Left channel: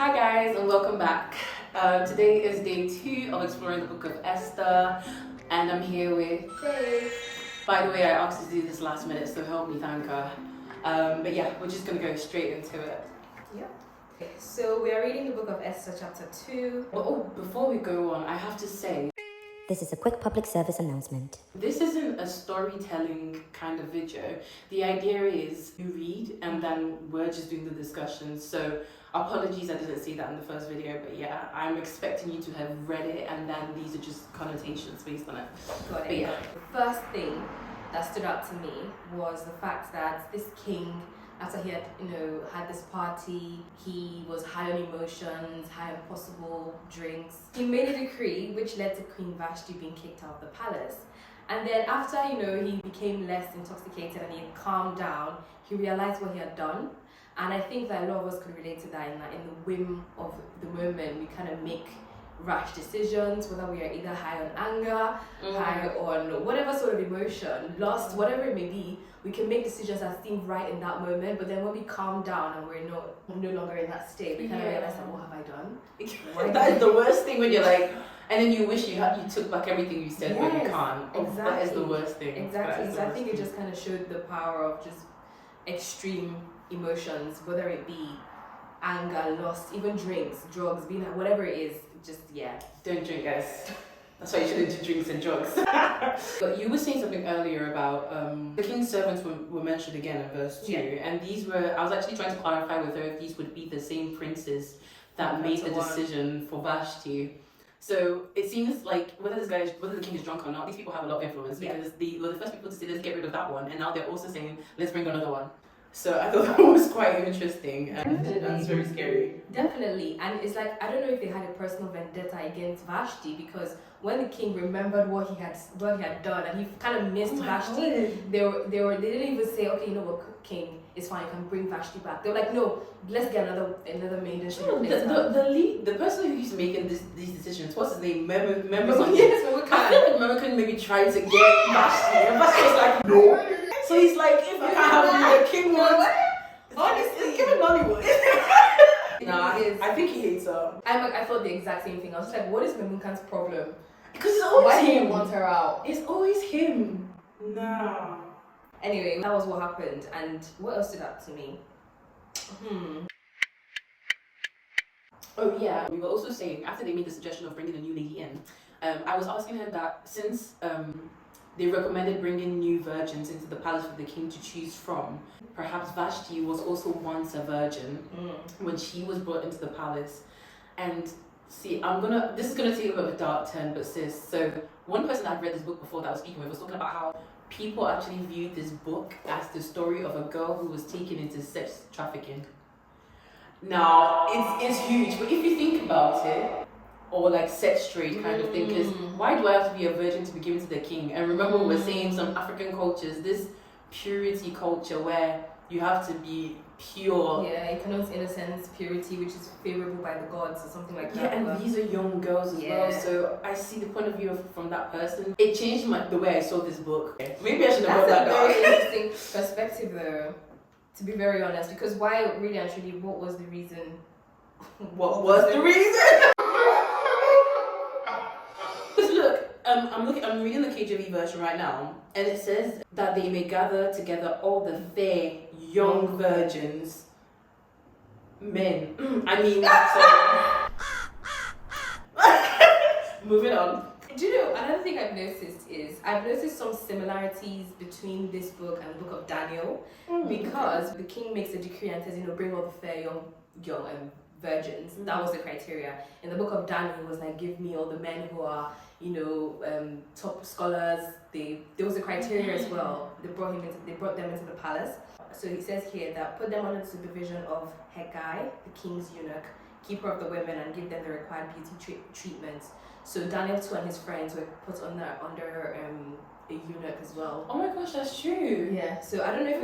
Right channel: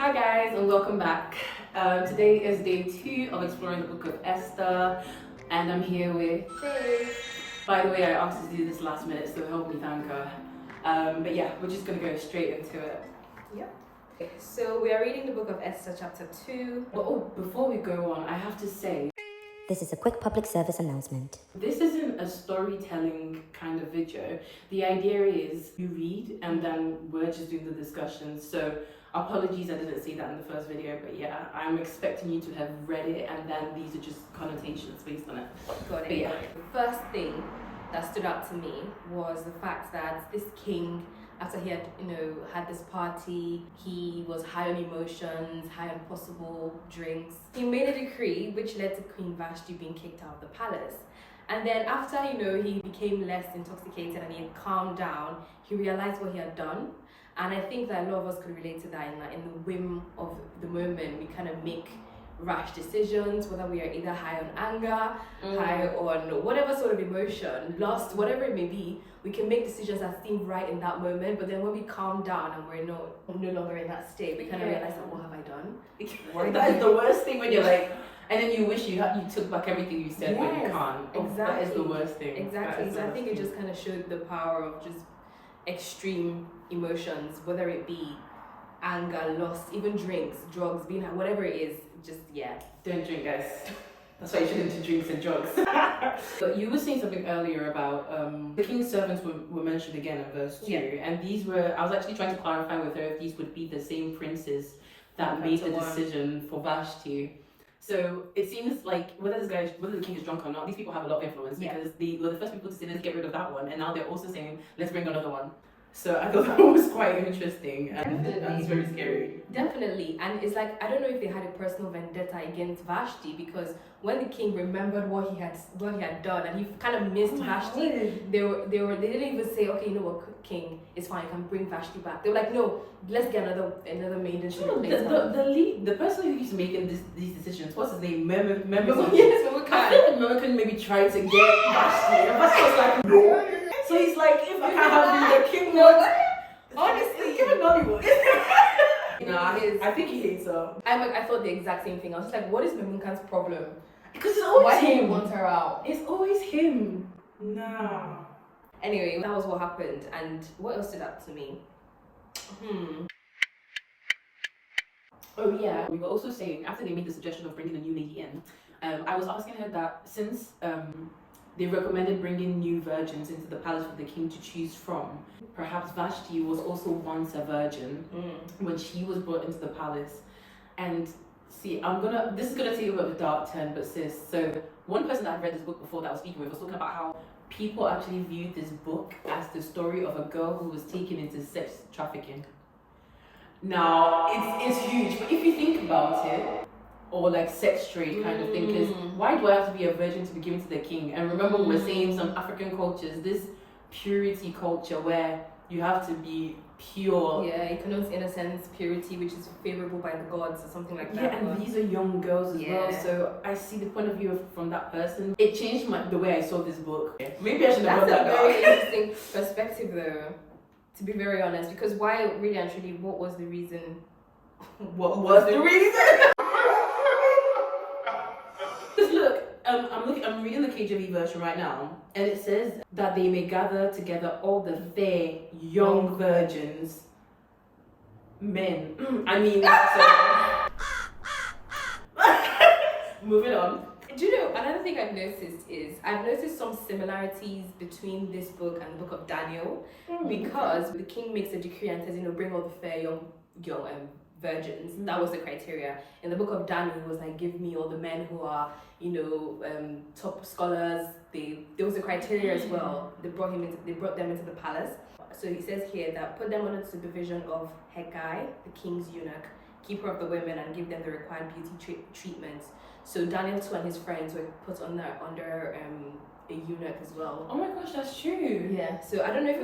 Hi guys and welcome back. Today is day 2 of exploring the book of Esther and I'm here with Faye. By the way, I asked her to do this last minute, so help me thank her. But yeah, we're just going to go straight into it. Yep. So we are reading the book of Esther chapter 2. But before we go on, I have to say, this is a quick public service announcement. this isn't a storytelling kind of video. The idea is you read and then we're just doing the discussion. So apologies I didn't see that in the first video, but yeah, I'm expecting you to have read it and then these are just connotations based on it. Got it. But yeah. The first thing that stood out to me was the fact that this king, after he had, had this party, he was high on emotions, high on possible drinks. He made a decree which led to Queen Vashti being kicked out of the palace. And then after, he became less intoxicated and he had calmed down, he realized what he had done. And I think that a lot of us could relate to that in the whim of the moment, we kind of make rash decisions, whether we are either high on anger, high on whatever sort of emotion, lust, whatever it may be. We can make decisions that seem right in that moment, but then when we calm down and we're no longer in that state, we kind of realize that, what have I done? That is the worst thing when you're like, and then you wish you took back everything you said, but you can't. Exactly. That is the worst thing. Exactly. So I think it just kind of showed the power of just extreme emotions, whether it be anger, lust, even drinks, drugs, being whatever it is. Just Don't drink, guys. That's why you shouldn't do drinks and drugs. But you were saying something earlier about the king's servants were mentioned again in verse 2, and these were, I was actually trying to clarify with her if these would be the same princes that made the decision for Vashti. So it seems like whether the king is drunk or not, these people have a lot of influence because they were the first people to say let's get rid of that one, and now they're also saying let's bring another one. So I thought that was quite interesting and that's very scary. Definitely. And it's like, I don't know if they had a personal vendetta against Vashti, because when the king remembered what he had done and he kind of missed Vashti, they didn't even say, okay, you know what, king, it's fine, you can bring Vashti back. They were like, no, let's get another maiden. The person who keeps making these decisions, what's his name? Mermucan. Yes, Mermucan. I feel like Mermucan maybe tried to get Vashti. And Vashti was like, no. So he's like, if I can't have the king wants. Honestly, give him Nollywood. I think he hates her. I thought the exact same thing. I was just like, what is Mermucan's problem? Because it's always him. Why do you him. want her out? It's always him. No. Anyway, that was what happened. And what else stood out to me? Oh yeah, we were also saying after they made the suggestion of bringing a new lady in, I was asking her that since they recommended bringing new virgins into the palace for the king to choose from, perhaps Vashti was also once a virgin when she was brought into the palace. And see, this is gonna take a bit of a dark turn, but sis, so one person that I'd read this book before that I was speaking with was talking about how people actually viewed this book as the story of a girl who was taken into sex trafficking. Now, it's huge, but if you think about it, or like sex trade kind of thing, because why do I have to be a virgin to be given to the king? And remember we were saying some African cultures, this purity culture where you have to be pure. Yeah, it connotes innocence, purity, which is favorable by the gods or something like that. Yeah, and these are young girls as well, so I see the point of view from that person. It changed the way I saw this book. Maybe I should have That's got a that very down. interesting perspective though, to be very honest, because why really and truly, what was the reason? What was the reason? Because look, I'm reading the KJV version right now, and it says that they may gather together all the fair young virgins, men. Moving on. Do you know, another thing I've noticed some similarities between this book and the book of Daniel, because the king makes a decree and says, bring all the fair young virgins. That was the criteria. In the book of Daniel, it was like, give me all the men who are, top scholars. There was a criteria as well. They brought them into the palace. So he says here that put them under the supervision of Hegai, the king's eunuch, keeper of the women, and give them the required beauty treatments. So Daniel too and his friends were put under a eunuch as well. Oh my gosh, that's true. Yeah. So I don't know if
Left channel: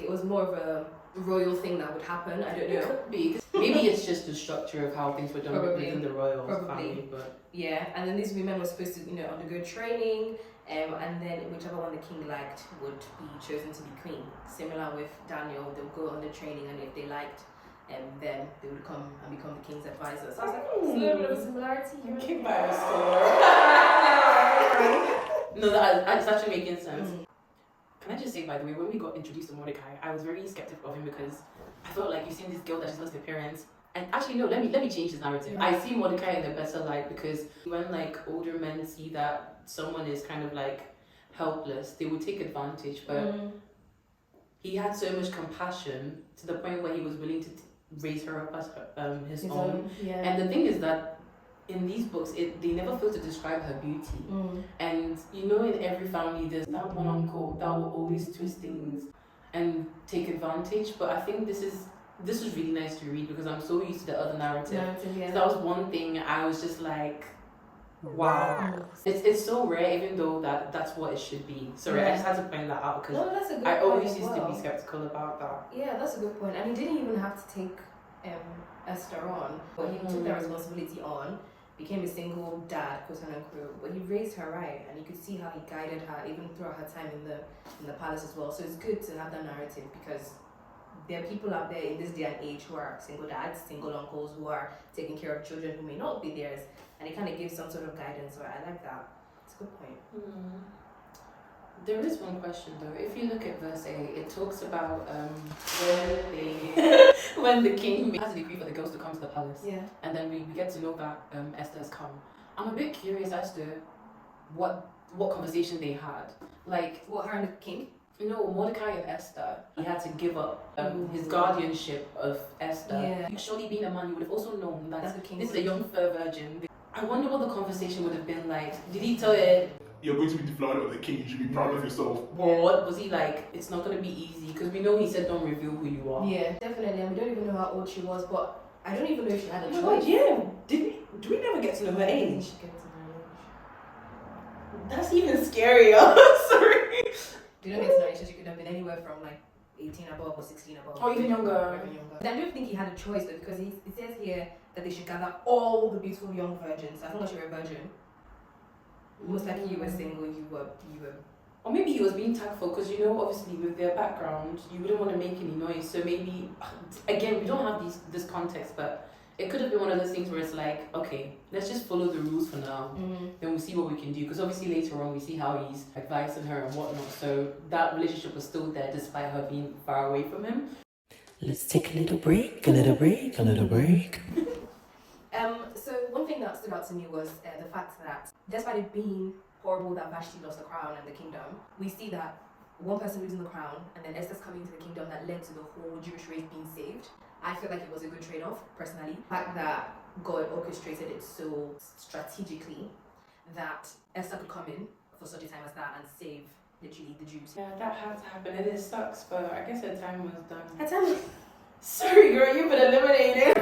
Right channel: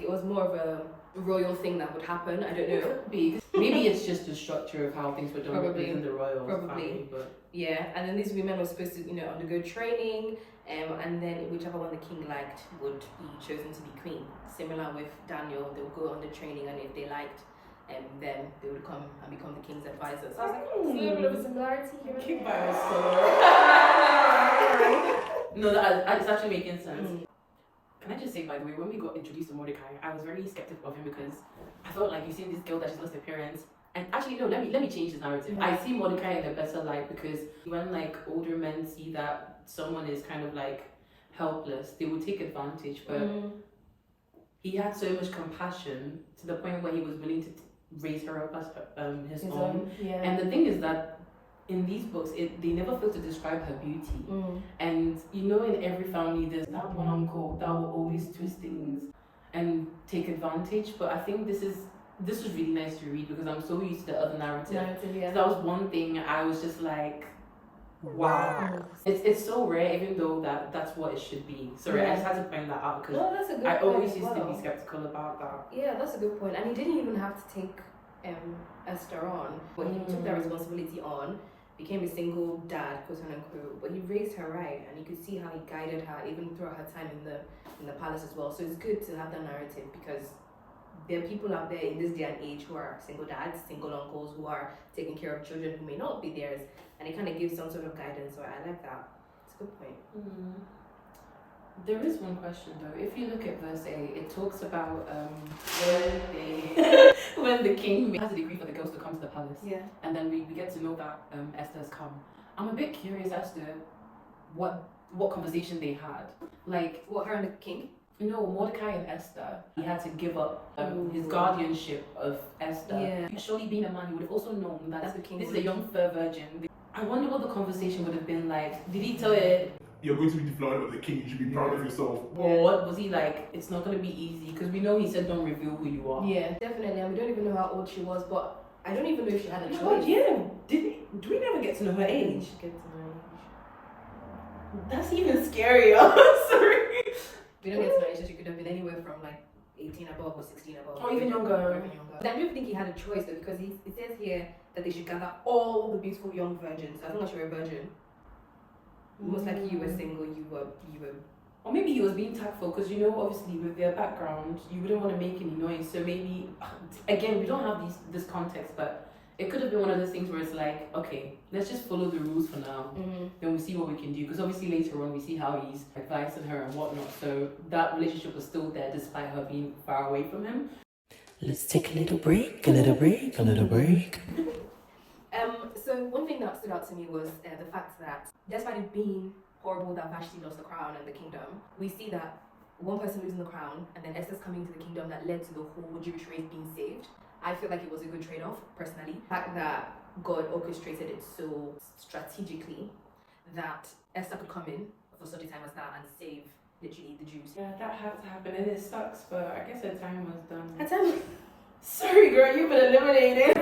it was more of a royal thing that would happen. I don't know. It could be. Maybe it's just the structure of how things were done within the royal family. But yeah, and then these women were supposed to, undergo training, and then whichever one the king liked would be chosen to be queen. Similar with Daniel, they would go under training, and if they liked and then they would come and become the king's advisors. So I was like, oh, it's a little bit of a similarity here. Keep by No, that's actually making sense. Can I just say, by the way, when we got introduced to Mordecai, I was very skeptical of him because I felt like you've seen this girl that just lost her parents. And actually, no, let me change this narrative. I see Mordecai in a better light because when like older men see that someone is kind of like helpless, they would take advantage. But he had so much compassion to the point where he was willing to raise her up as his own. Yeah. And the thing is that in these books, they never fail to describe her beauty. And you know, in every family, there's that one uncle that will always twist things and take advantage. But I think this is really nice to read because I'm so used to the other narrative. Yeah. So that was one thing I was just like, wow. It's so rare, even though that's what it should be. Sorry, I just had to point that out because that's a good I point always as used to well. be skeptical about that. Yeah, that's a good point. And he didn't even have to take Esther on, but he took that responsibility on, became a single dad, quote unquote, but he raised her right, and you could see how he guided her even throughout her time in the palace as well. So it's good to have that narrative because there are people out there in this day and age who are single dads, single uncles who are taking care of children who may not be theirs, and it kind of gives some sort of guidance. So I like that. It's a good point. There is one question though. If you look at verse 8, it talks about when the king has a decree for the girls to come to the palace. Yeah. And then we get to know that Esther has come. I'm a bit curious as to what conversation they had. Like, What, her and the king? no, Mordecai and Esther, he had to give up his guardianship of Esther. Yeah. Surely being a man, you would have also known that That's the king. this is a young fair virgin. I wonder what the conversation would have been like. Did he tell her, You're going to be the flower of the king, you should be proud of yourself. or what was he like? It's not going to be easy because we know he said don't reveal who you are. Yeah, definitely. And we don't even know how old she was, but I don't even know if she had a Oh my choice. God, yeah. Do we never get to know her I think age? she gets to know her age. That's even scarier. Sorry. We don't get to know her age, so she could have been anywhere from like 18 above or 16 above. Or even younger. Or even younger. I don't think he had a choice though, because it says here that they should gather all the beautiful young virgins. As long as you're a virgin, most likely you were single, you were. Or maybe he was being tactful because, you know, obviously with their background, you wouldn't want to make any noise. So maybe, again, we don't have this context, but it could have been one of those things where it's like, okay, let's just follow the rules for now. Then we'll see what we can do. Because obviously later on, we see how he's advising her and whatnot. So that relationship was still there despite her being far away from him. Let's take a little break, a little break, a little break. So one thing that stood out to me was the fact that despite it being horrible that Vashti lost the crown and the kingdom, we see that one person losing the crown and then Esther's coming into the kingdom that led to the whole Jewish race being saved. I feel like it was a good trade-off, personally. The fact that God orchestrated it so strategically that Esther could come in for such a time as that and save literally the Jews. Yeah, that had to happen and it sucks, but I guess her time was done. Her time. Sorry girl, you've been eliminated.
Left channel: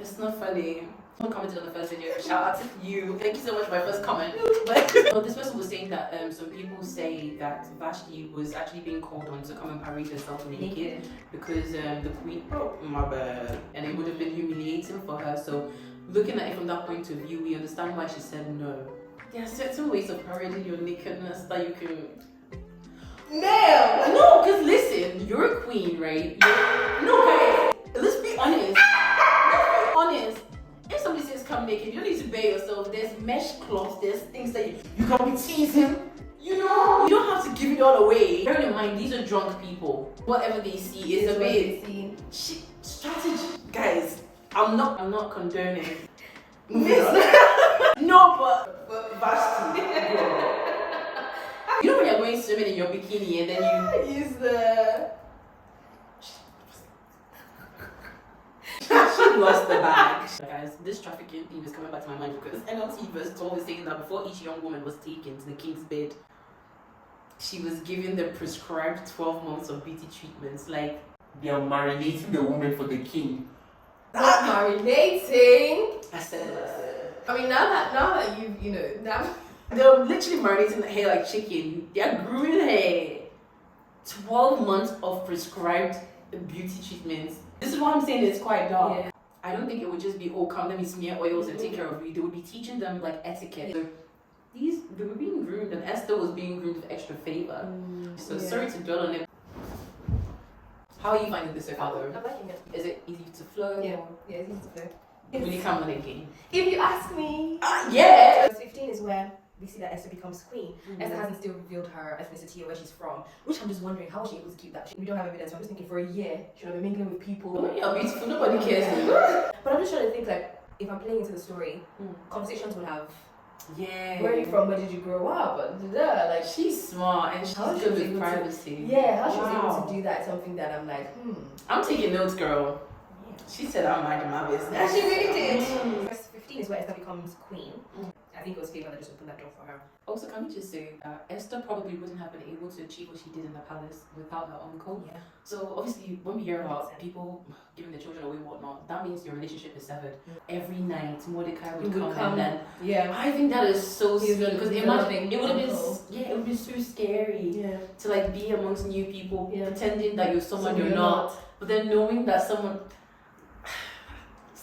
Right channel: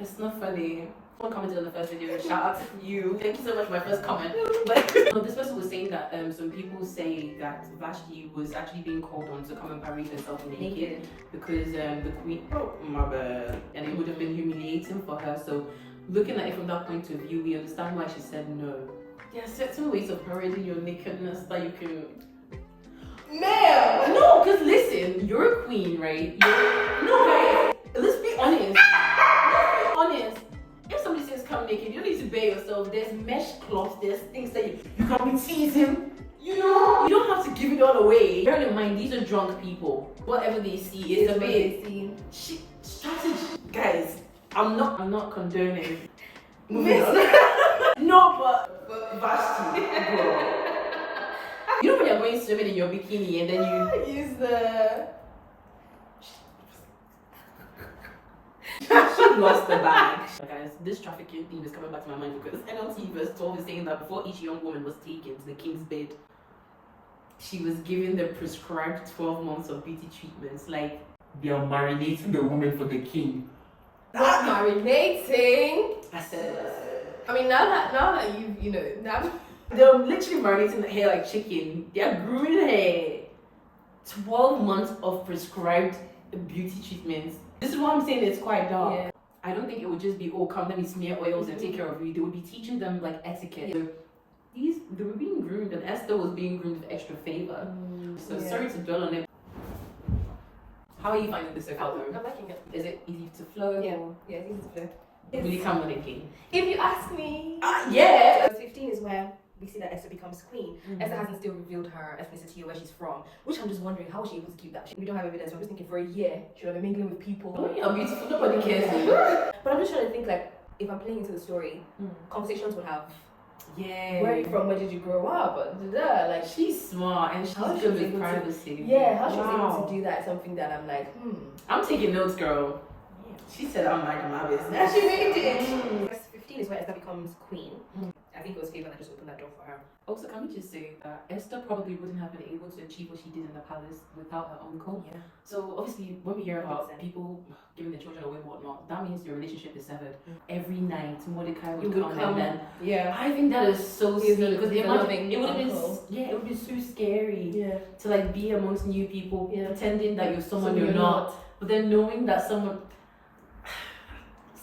It's not funny. Someone commented on the first video, shout out to you. Thank you so much for my first comment. But no, this person was saying that some people say that Vashti was actually being called on to come and parade herself naked because the queen, oh my bad, and it would have been humiliating for her. So looking at it from that point of view, we understand why she said no. There are certain ways of parading your nakedness that you can. Ma'am! No, because listen, you're a queen, right? No, guys, let's be honest. Honest, if somebody says come naked, you don't need to bare yourself. There's mesh cloths, there's things that you can be teasing. You know, you don't have to give it all away. Bear in mind, these are drunk people. Whatever they see is a bit strategy. Guys, I'm not condoning. Moving on. No, but Vashti, bro. You know when you're going swimming in your bikini and then you use the. She lost the bag. Guys, this trafficking theme is coming back to my mind because NLT verse 12 is saying that before each young woman was taken to the king's bed, she was given the prescribed 12 months of beauty treatments. Like, They are marinating the woman for the king. Not marinating. I said it. I mean, now that you know, now They're literally marinating the hair like chicken. They're grooming hair. 12 months of prescribed beauty treatments. This is why I'm saying it's quite dark. Yeah. I don't think it would just be, oh, come let me smear oils and take care of you. They would be teaching them like etiquette. So they were being groomed, and Esther was being groomed with extra favor. So sorry to dwell on it. How are you finding this so far, I'm though? liking it. Is it easy to flow? Yeah, it's easy to flow. Really come with it, game. If you ask me. Yeah. Verse 15 is where we see that Esther becomes queen. Esther hasn't still revealed her ethnicity or where she's from, which I'm just wondering how was she able to keep that. We don't have evidence, so I'm just thinking for a year she would have been mingling with people. Oh, you're beautiful. Nobody cares. But I'm just trying to think, like, if I'm playing into the story, conversations would have. Yeah. Where are you from? Where did you grow up? Like, She's smart and she's How good she's with able to- privacy. yeah, how she was able to do that is something that I'm like, I'm taking notes, girl. Yeah. She said I'm minding my business. And she really did. Verse 15 is where Esther becomes queen. I think it was favor that just opened that door for her. Also, can we just say, Esther probably wouldn't have been able to achieve what she did in the palace without her uncle. Yeah. So obviously, when we hear about 100%. people giving their children away and whatnot, that means your relationship is severed. Every night, Mordecai He would would come and then. Yeah. I think that is so He's sweet a- because he's a imagine loving it would have been uncle. it would be so scary Yeah. to like be amongst new people, Yeah. pretending that you're someone So you're not, but then knowing that someone.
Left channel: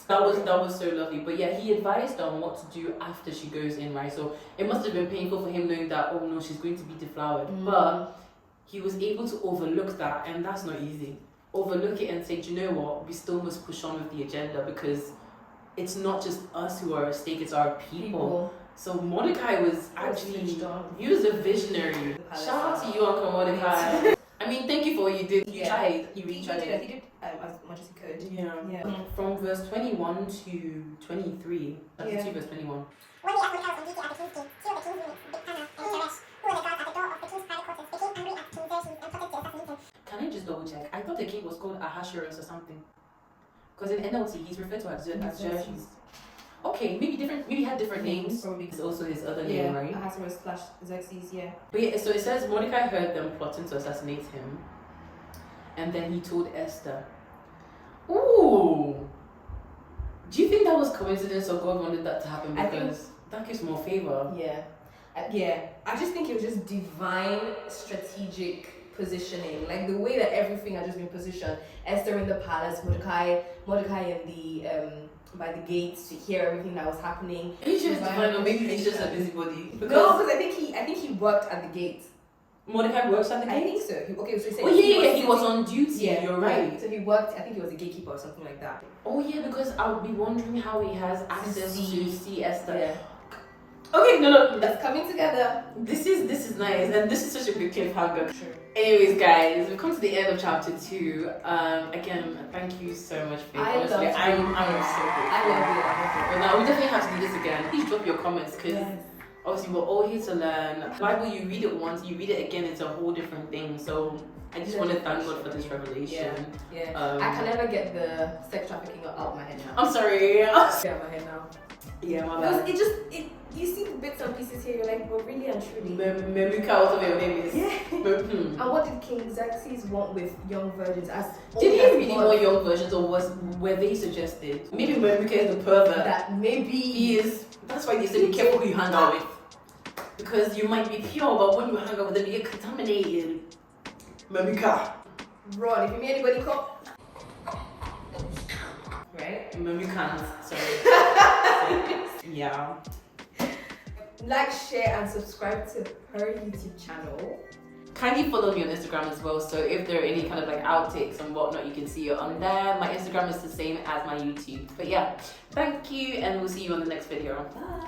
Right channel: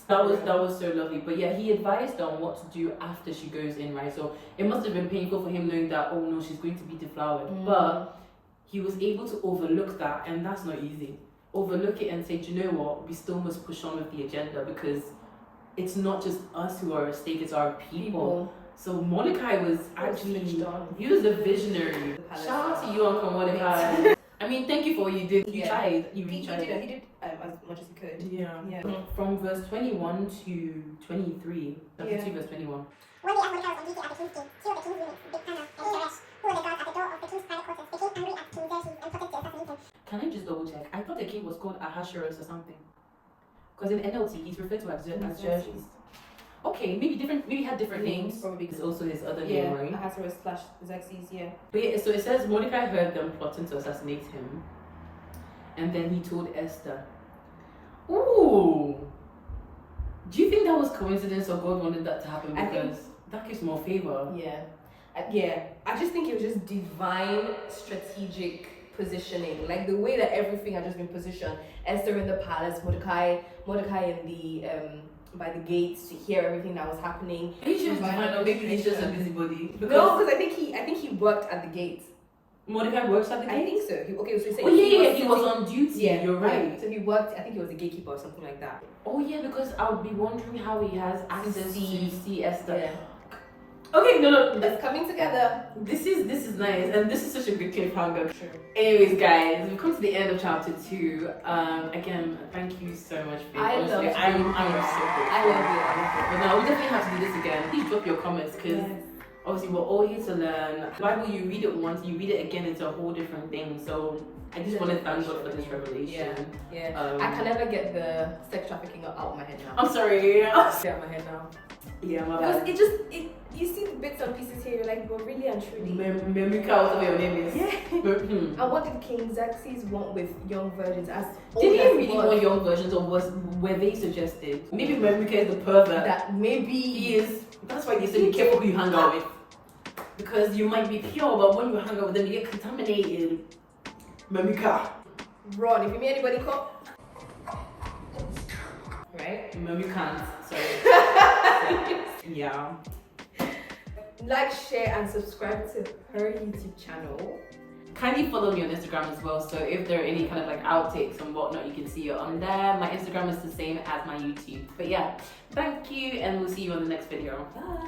That was so lovely. But yeah, he advised on what to do after she goes in, right? So it must have been painful for him knowing that, oh no, she's going to be deflowered. But he was able to overlook that, and that's not easy. Overlook it and say, do you know what? We still must push on with the agenda because it's not just us who are at stake, it's our people. So Mordecai was actually, he was a visionary. Shout out to you, Uncle Mordecai. I mean, thank you for what you did. You tried. You really tried. He did as much as he could. Yeah. From verse 21 to 23, chapter 2, verse 21. One day as Mordecai was on duty at the king's gate, two of the king's eunuchs, Bigthana and Teresh, who were the guards at the door of the king's private quarters, became angry at King Xerxes and plotted to assassinate him. Can I just double check? I thought the king was called Ahasuerus or something. Because in NLT, he's referred to as Xerxes. Okay, maybe had different names. Probably. It's also his other name, right? Ahasuerus / Xerxes, yeah. But yeah, so it says Mordecai heard them plotting to assassinate him. And then he told Esther. Ooh! Do you think that was coincidence or God wanted that to happen? I think- Because that gives more favor. Yeah. I just think it was just divine strategic positioning. Like the way that everything had just been positioned. Esther in the palace, Mordecai in the by the gates to hear everything that was happening. He's just divine, or maybe he's just a busybody. No, because I think he worked at the gates. Mordecai works at the I gate? think so. So he said Oh yeah, he was on duty. Yeah, you're right. So he worked. I think he was a gatekeeper or something like that. Oh yeah, because I would be wondering how he has access to see Esther. Yeah. Okay, no, That's coming together. this is nice, and this is such a good cliffhanger. True. Anyways, guys, we've come to the end of chapter 2. Again, thank you so much for I honestly, love I'm you. so grateful. I love But no, we definitely have to do this again. Please drop your comments because Yes. obviously we're all here to learn. Bible, you read it once, you read it again, it's a whole different thing. So I just want to thank God for this revelation. Yeah. I I can never get the sex trafficking out of my head now. I'm sorry. Get out of my head now. Yeah, my Because bad. you see the bits and pieces here, you're like, but really and truly. Mermucan, whatever your name is. Yeah. Hmm. And what did King Xerxes want with young virgins? As Did he old as really was, want young versions, or were they suggested? Maybe Mermucan is the pervert. that maybe He is. That's why they say be careful who you hang out with, because you might be pure, but when you hang out with them, you get contaminated. Mermucan. run. If you meet anybody, come. Right? Mermucan. Sorry. Yeah. Like, share, and subscribe to her YouTube channel. Kindly follow me on Instagram as well. So if there are any kind of like outtakes and whatnot, you can see it on there. My Instagram is the same as my YouTube. But yeah, thank you, and we'll see you on the next video. Bye.